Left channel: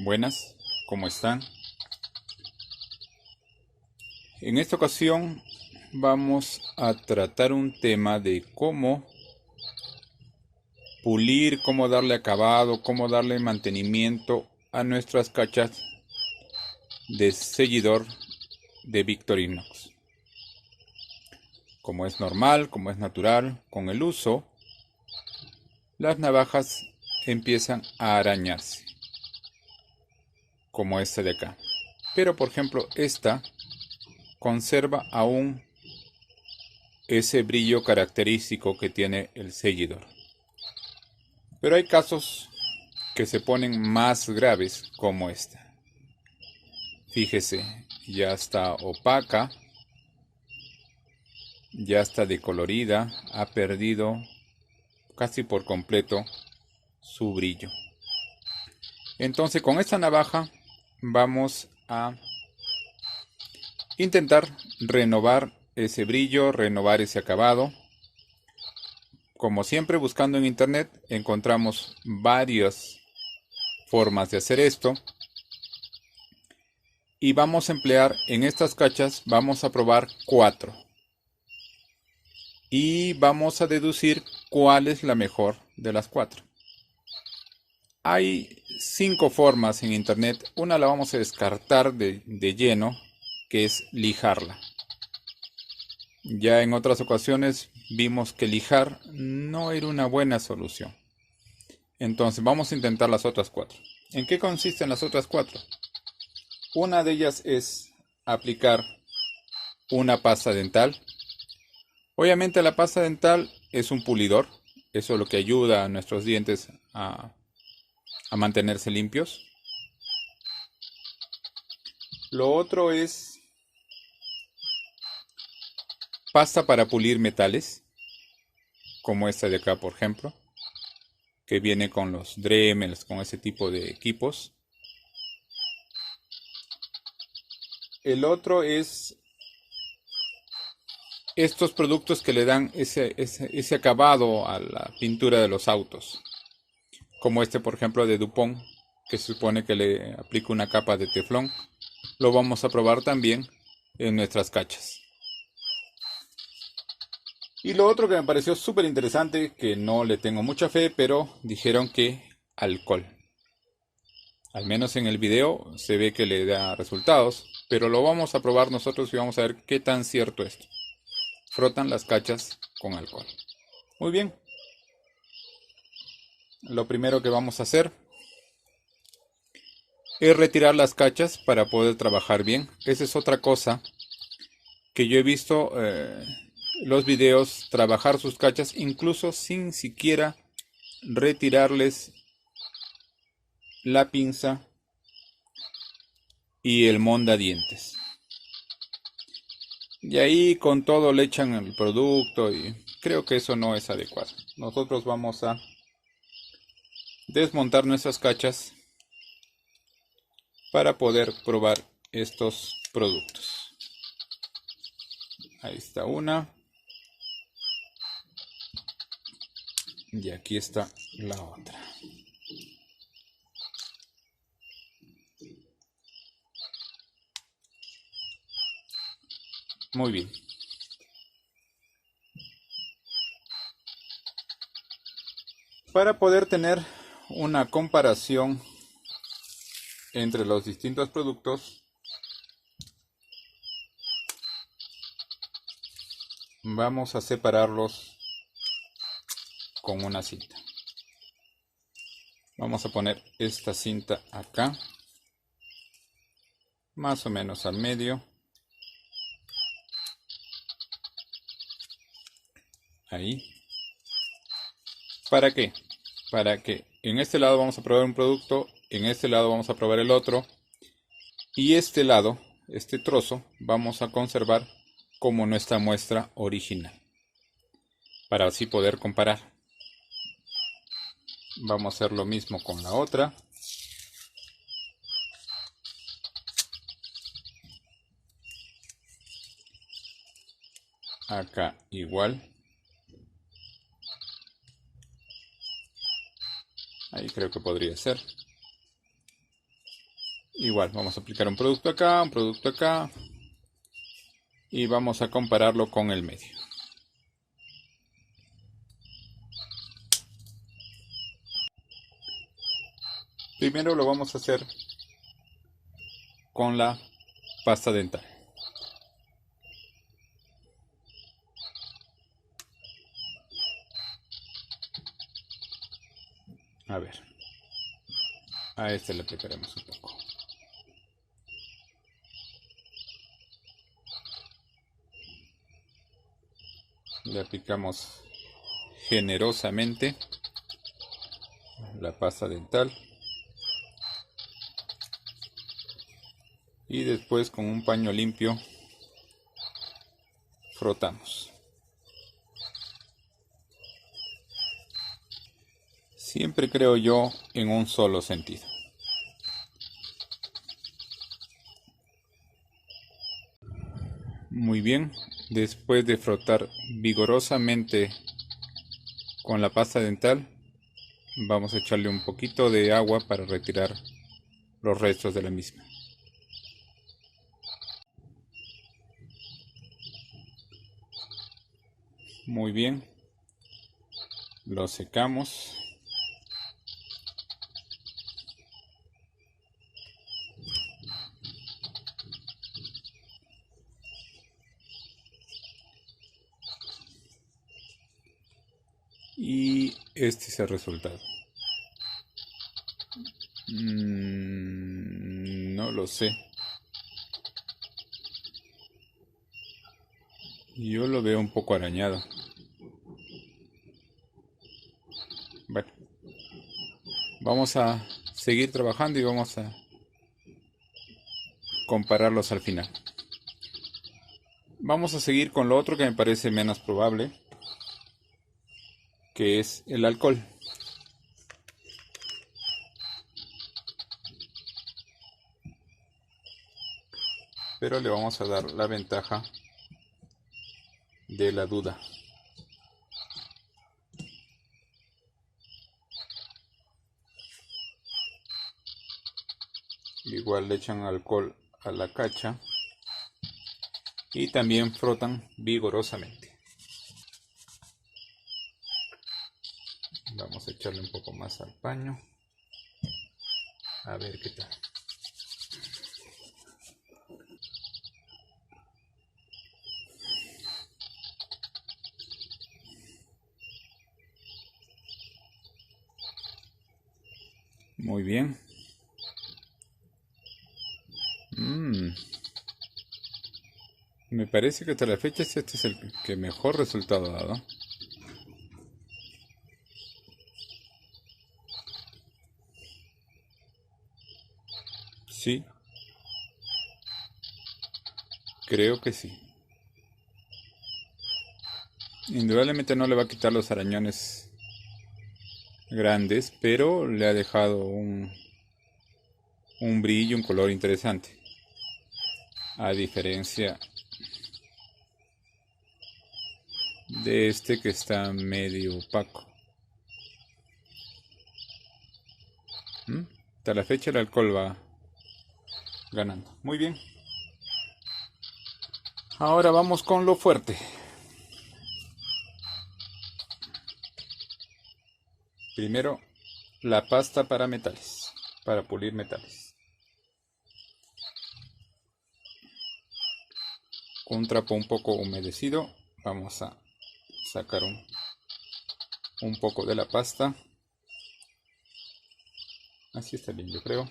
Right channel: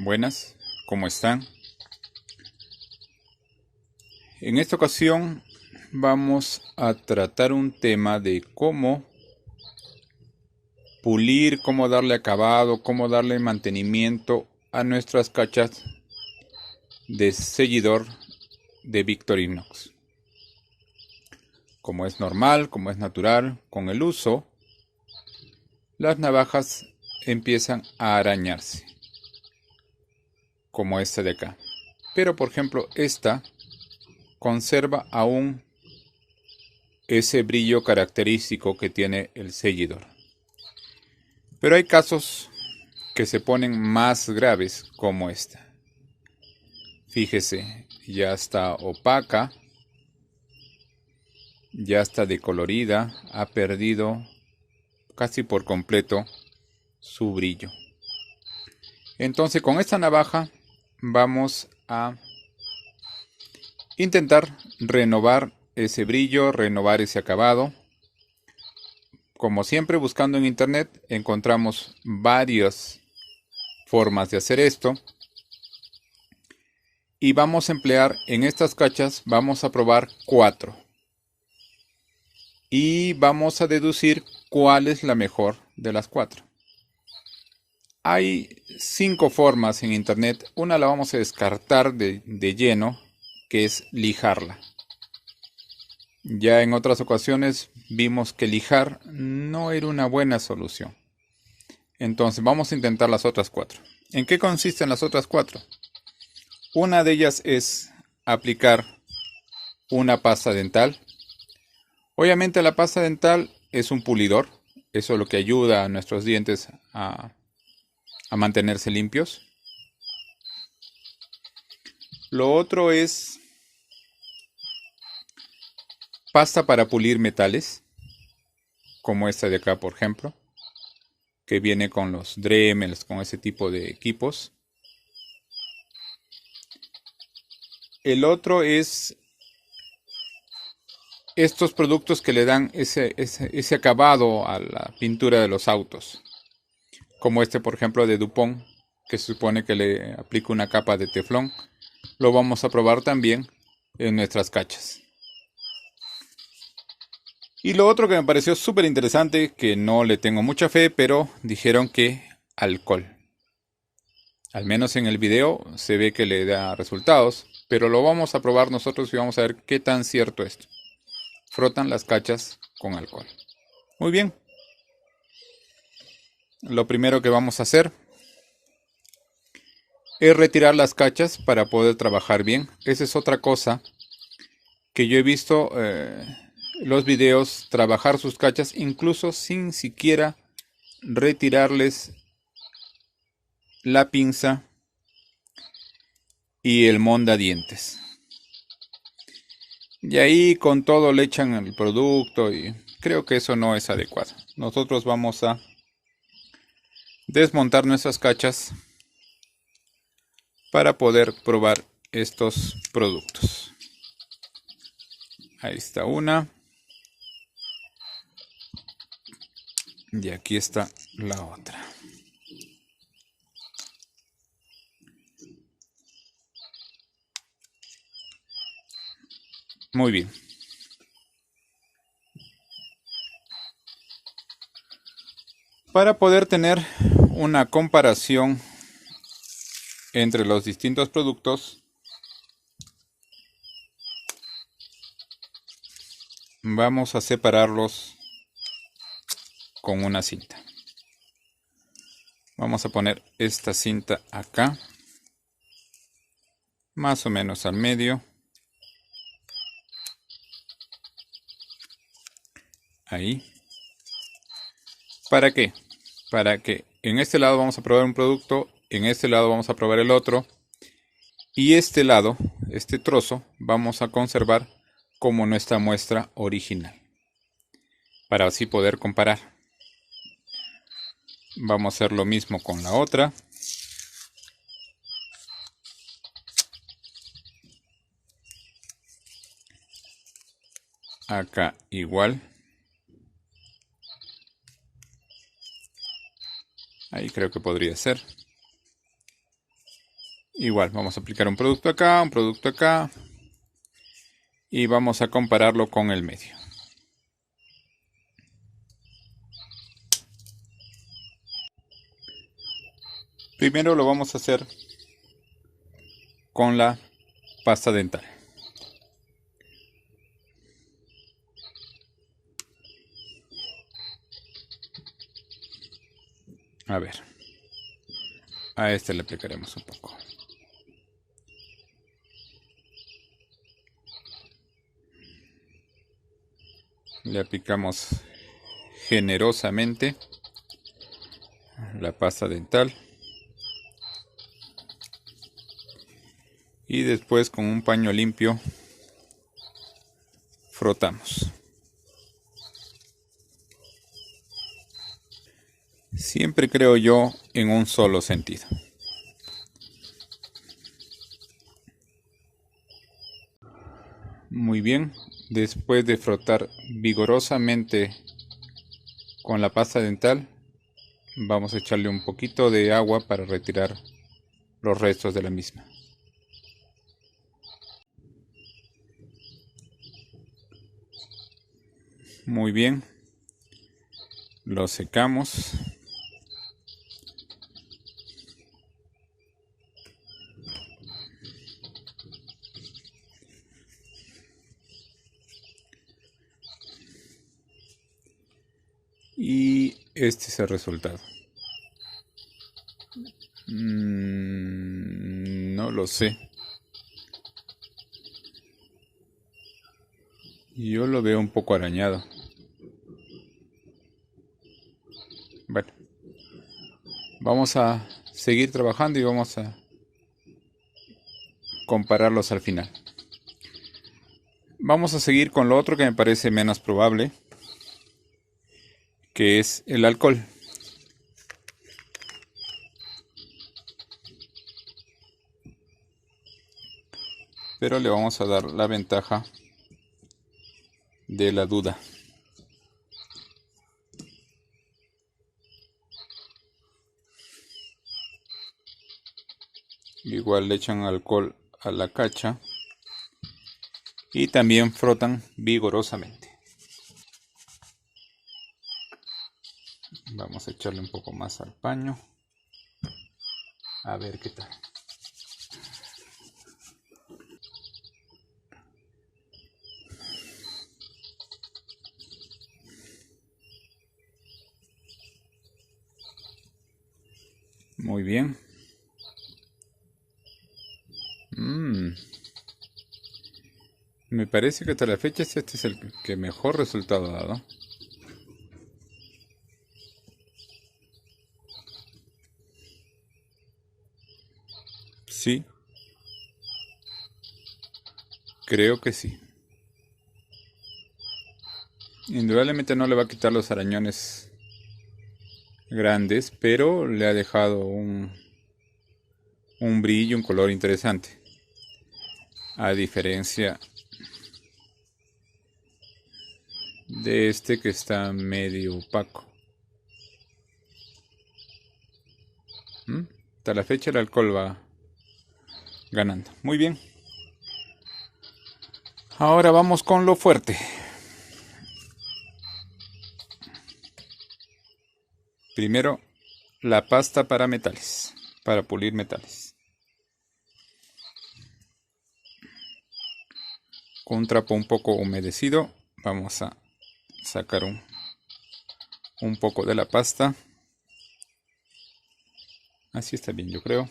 Buenas, ¿cómo están? En esta ocasión vamos a tratar un tema de cómo pulir, cómo darle acabado, cómo darle mantenimiento a nuestras cachas de seguidor de Victorinox. Como es normal, como es natural, con el uso, las navajas empiezan a arañarse, como esta de acá. Pero por ejemplo, esta conserva aún ese brillo característico que tiene el seguidor. Pero hay casos que se ponen más graves como esta. Fíjese, ya está opaca, ya está decolorida, ha perdido casi por completo su brillo. Entonces con esta navaja vamos a intentar renovar ese brillo, renovar ese acabado. Como siempre, buscando en internet encontramos varias formas de hacer esto. Y vamos a emplear en estas cachas, vamos a probar 4. Y vamos a deducir cuál es la mejor de las 4. Hay 5 formas en internet. Una la vamos a descartar de lleno, que es lijarla. Ya en otras ocasiones vimos que lijar no era una buena solución. Entonces vamos a intentar las otras 4. ¿En qué consisten las otras 4? Una de ellas es aplicar una pasta dental. Obviamente la pasta dental es un pulidor. Eso es lo que ayuda a nuestros dientes a mantenerse limpios. Lo otro es pasta para pulir metales, como esta de acá por ejemplo, que viene con los Dremels, con ese tipo de equipos. El otro es estos productos que le dan ese acabado a la pintura de los autos, como este por ejemplo de Dupont, que se supone que le aplica una capa de teflón. Lo vamos a probar también en nuestras cachas. Y lo otro que me pareció súper interesante, que no le tengo mucha fe, pero dijeron que alcohol. Al menos en el video se ve que le da resultados, pero lo vamos a probar nosotros y vamos a ver qué tan cierto es esto. Frotan las cachas con alcohol. Muy bien. Lo primero que vamos a hacer es retirar las cachas para poder trabajar bien. Esa es otra cosa que yo he visto los videos, trabajar sus cachas incluso sin siquiera retirarles la pinza y el mondadientes. Y ahí con todo le echan el producto y creo que eso no es adecuado. Nosotros vamos a desmontar nuestras cachas para poder probar estos productos. Ahí está una. Y aquí está la otra. Muy bien. Para poder tener una comparación entre los distintos productos, vamos a separarlos con una cinta. Vamos a poner esta cinta acá, más o menos al medio. Ahí. ¿Para qué? Para que en este lado vamos a probar un producto, en este lado vamos a probar el otro, y este lado, este trozo, vamos a conservar como nuestra muestra original, para así poder comparar. Vamos a hacer lo mismo con la otra. Acá igual. Ahí creo que podría ser. Igual, vamos a aplicar un producto acá y vamos a compararlo con el medio. Primero lo vamos a hacer con la pasta dental. A ver, a este le aplicaremos un poco. Le aplicamos generosamente la pasta dental y después con un paño limpio frotamos. Siempre creo yo en un solo sentido. Muy bien, después de frotar vigorosamente con la pasta dental, vamos a echarle un poquito de agua para retirar los restos de la misma. Muy bien, lo secamos. Y este es el resultado. No lo sé. Yo lo veo un poco arañado. Bueno, vamos a seguir trabajando y vamos a compararlos al final. Vamos a seguir con lo otro que me parece menos probable, que es el alcohol. Pero le vamos a dar la ventaja de la duda. Igual le echan alcohol a la cacha y también frotan vigorosamente. Vamos a echarle un poco más al paño. A ver qué tal. Muy bien. Me parece que hasta la fecha este es el que mejor resultado ha dado. Sí, creo que sí. Indudablemente no le va a quitar los arañones grandes, pero le ha dejado un brillo, un color interesante. A diferencia de este que está medio opaco. Hasta la fecha el alcohol va ganando. Muy bien. Ahora vamos con lo fuerte. Primero, la pasta para metales, para pulir metales. Con un trapo un poco humedecido, vamos a sacar un poco de la pasta. Así está bien, yo creo.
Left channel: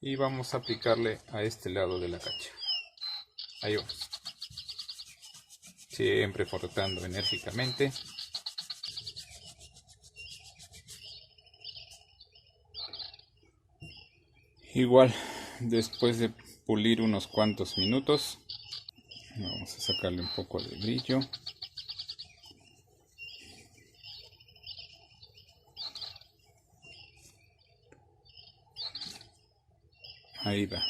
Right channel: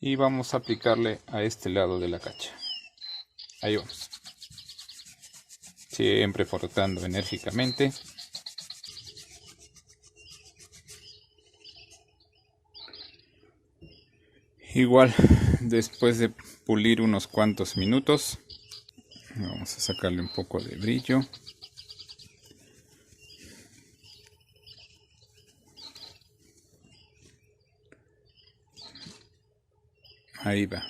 Y vamos a aplicarle a este lado de la cacha. Ahí vamos. Siempre frotando enérgicamente. Igual, después de pulir unos cuantos minutos, vamos a sacarle un poco de brillo. Ahí va.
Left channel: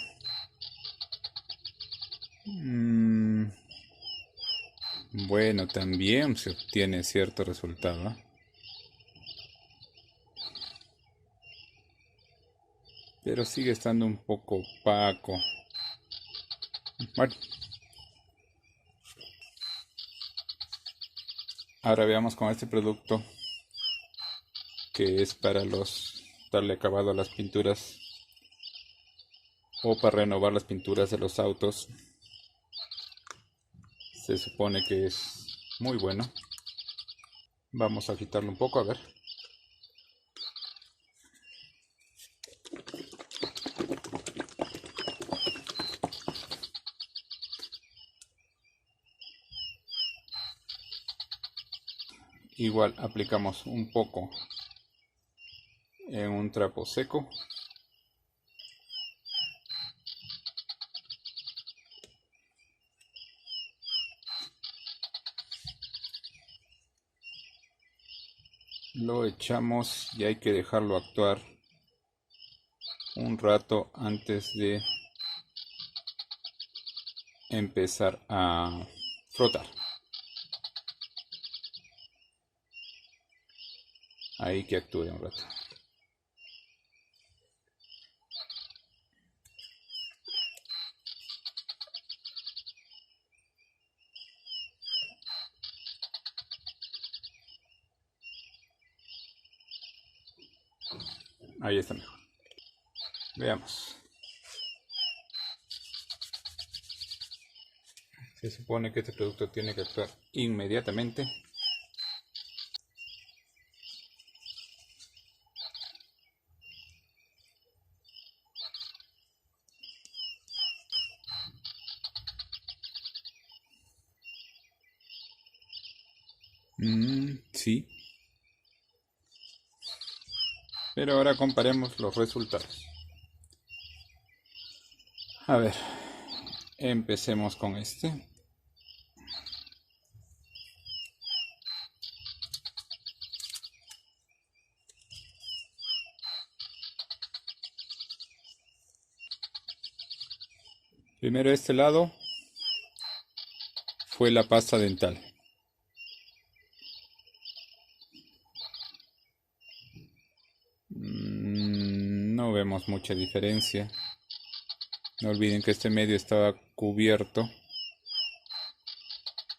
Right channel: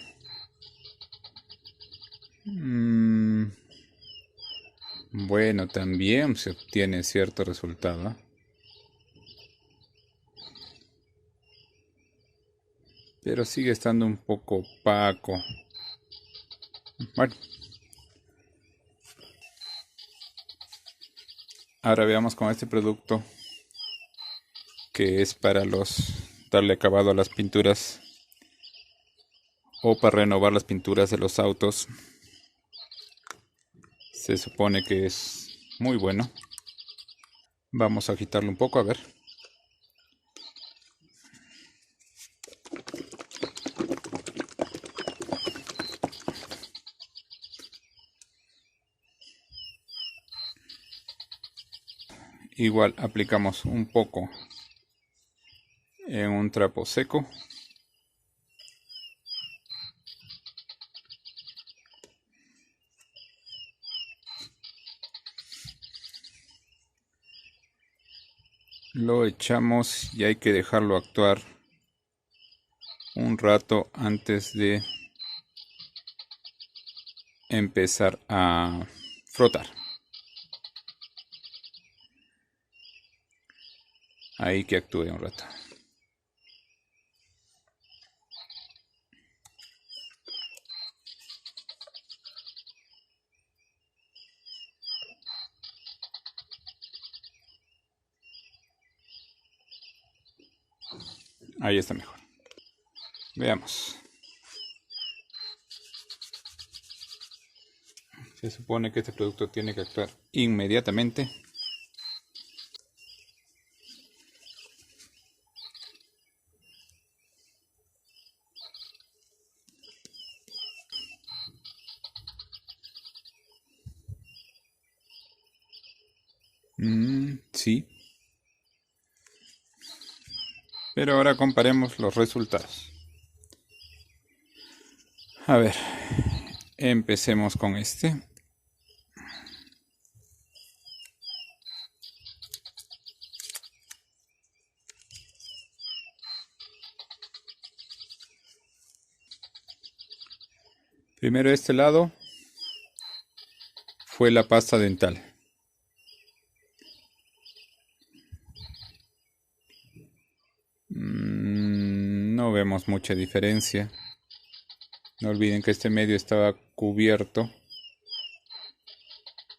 Bueno, también se obtiene cierto resultado. pero sigue estando un poco opaco. Bueno, ahora veamos con este producto que es para darle acabado a las pinturas o para renovar las pinturas de los autos. Se supone que es muy bueno. Vamos a agitarlo un poco, a ver. Igual aplicamos un poco en un trapo seco. Lo echamos y hay que dejarlo actuar un rato antes de empezar a frotar. Ahí que actúe un rato. Ahí está mejor. Veamos. Se supone que este producto tiene que actuar inmediatamente. Sí. Pero ahora comparemos los resultados. A ver, empecemos con este. Primero este lado fue la pasta dental. No vemos mucha diferencia. No olviden que este medio estaba cubierto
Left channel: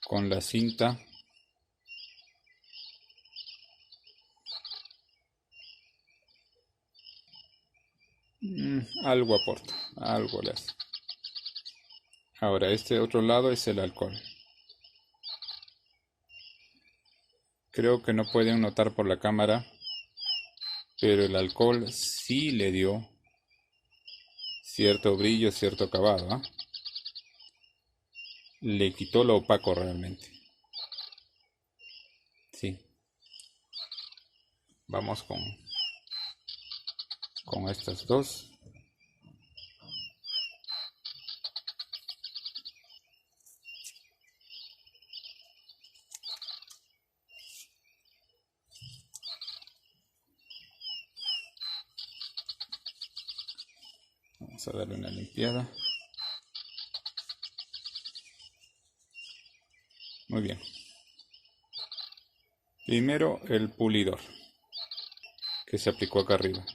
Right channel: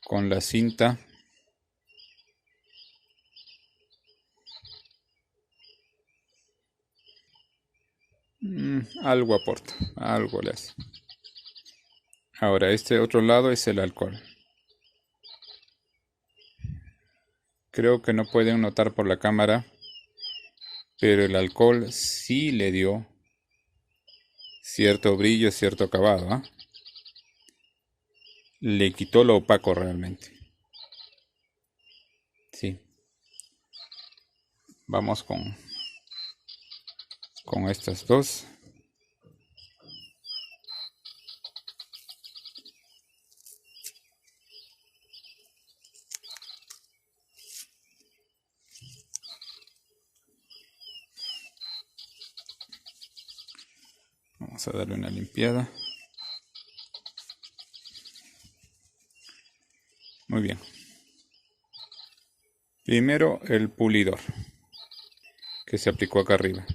con la cinta. Algo aporta, algo le hace. Ahora este otro lado es el alcohol. Creo que no pueden notar por la cámara, pero el alcohol sí le dio cierto brillo, cierto acabado, ¿eh? Le quitó lo opaco realmente. Sí. Vamos con estas dos. Vamos a darle una limpiada. Muy bien. Primero el pulidor que se aplicó acá arriba.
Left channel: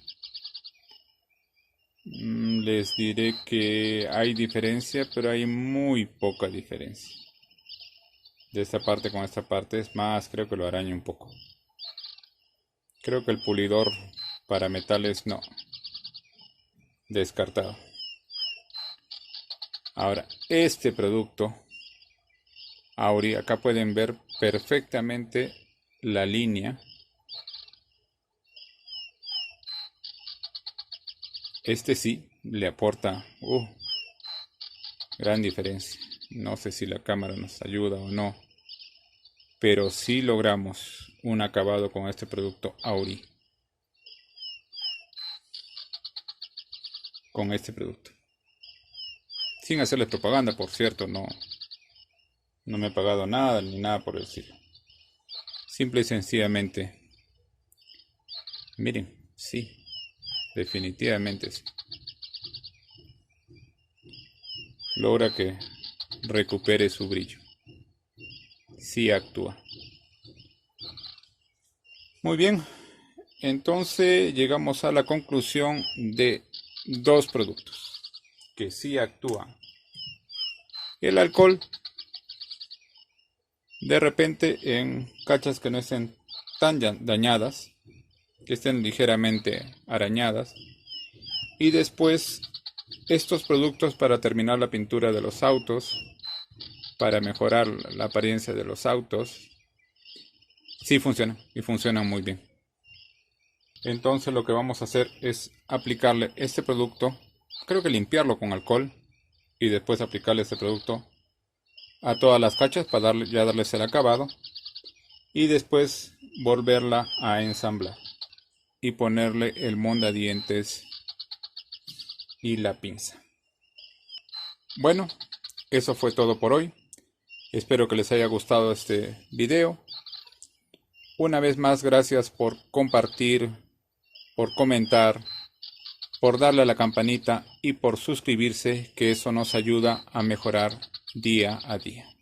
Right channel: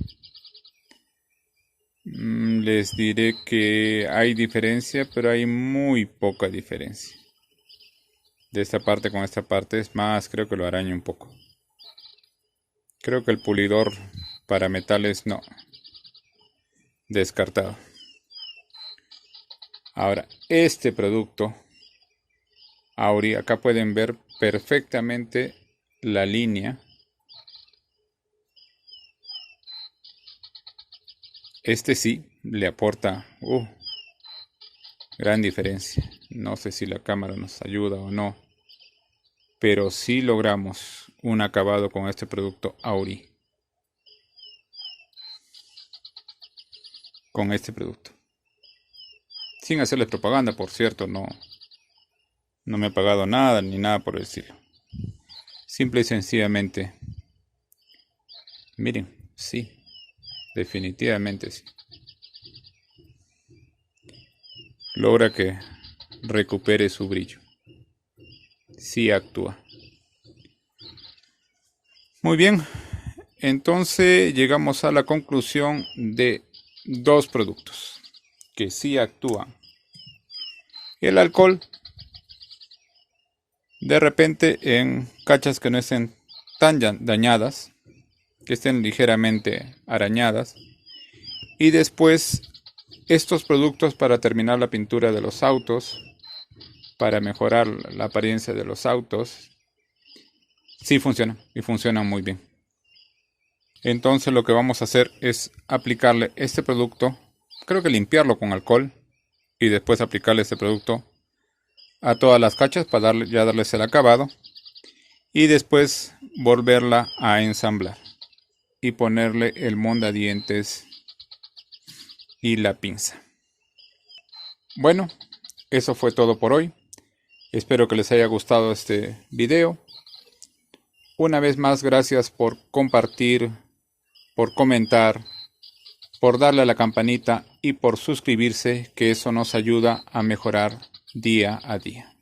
Les diré que hay diferencia, pero hay muy poca diferencia. De esta parte con esta parte es más, creo que lo araña un poco. Creo que el pulidor para metales no. Descartado. Ahora, este producto, Auri, acá pueden ver perfectamente la línea. Este sí le aporta gran diferencia. No sé si la cámara nos ayuda o no, pero sí logramos un acabado con este producto Auri. Con este producto. Sin hacerles propaganda, por cierto, no me ha pagado nada ni nada por decirlo. Simple y sencillamente, miren, sí, definitivamente sí. Logra que recupere su brillo. Sí actúa. Muy bien, entonces llegamos a la conclusión de dos productos que sí actúan. El alcohol, de repente en cachas que no estén tan dañadas, que estén ligeramente arañadas, y después estos productos para terminar la pintura de los autos, para mejorar la apariencia de los autos, sí funcionan y funcionan muy bien. Entonces lo que vamos a hacer es aplicarle este producto, creo que limpiarlo con alcohol y después aplicarle este producto a todas las cachas para darles el acabado y después volverla a ensamblar y ponerle el mondadientes y la pinza. Bueno, eso fue todo por hoy. Espero que les haya gustado este video. Una vez más, gracias por compartir, por comentar, por darle a la campanita y por suscribirse, que eso nos ayuda a mejorar día a día.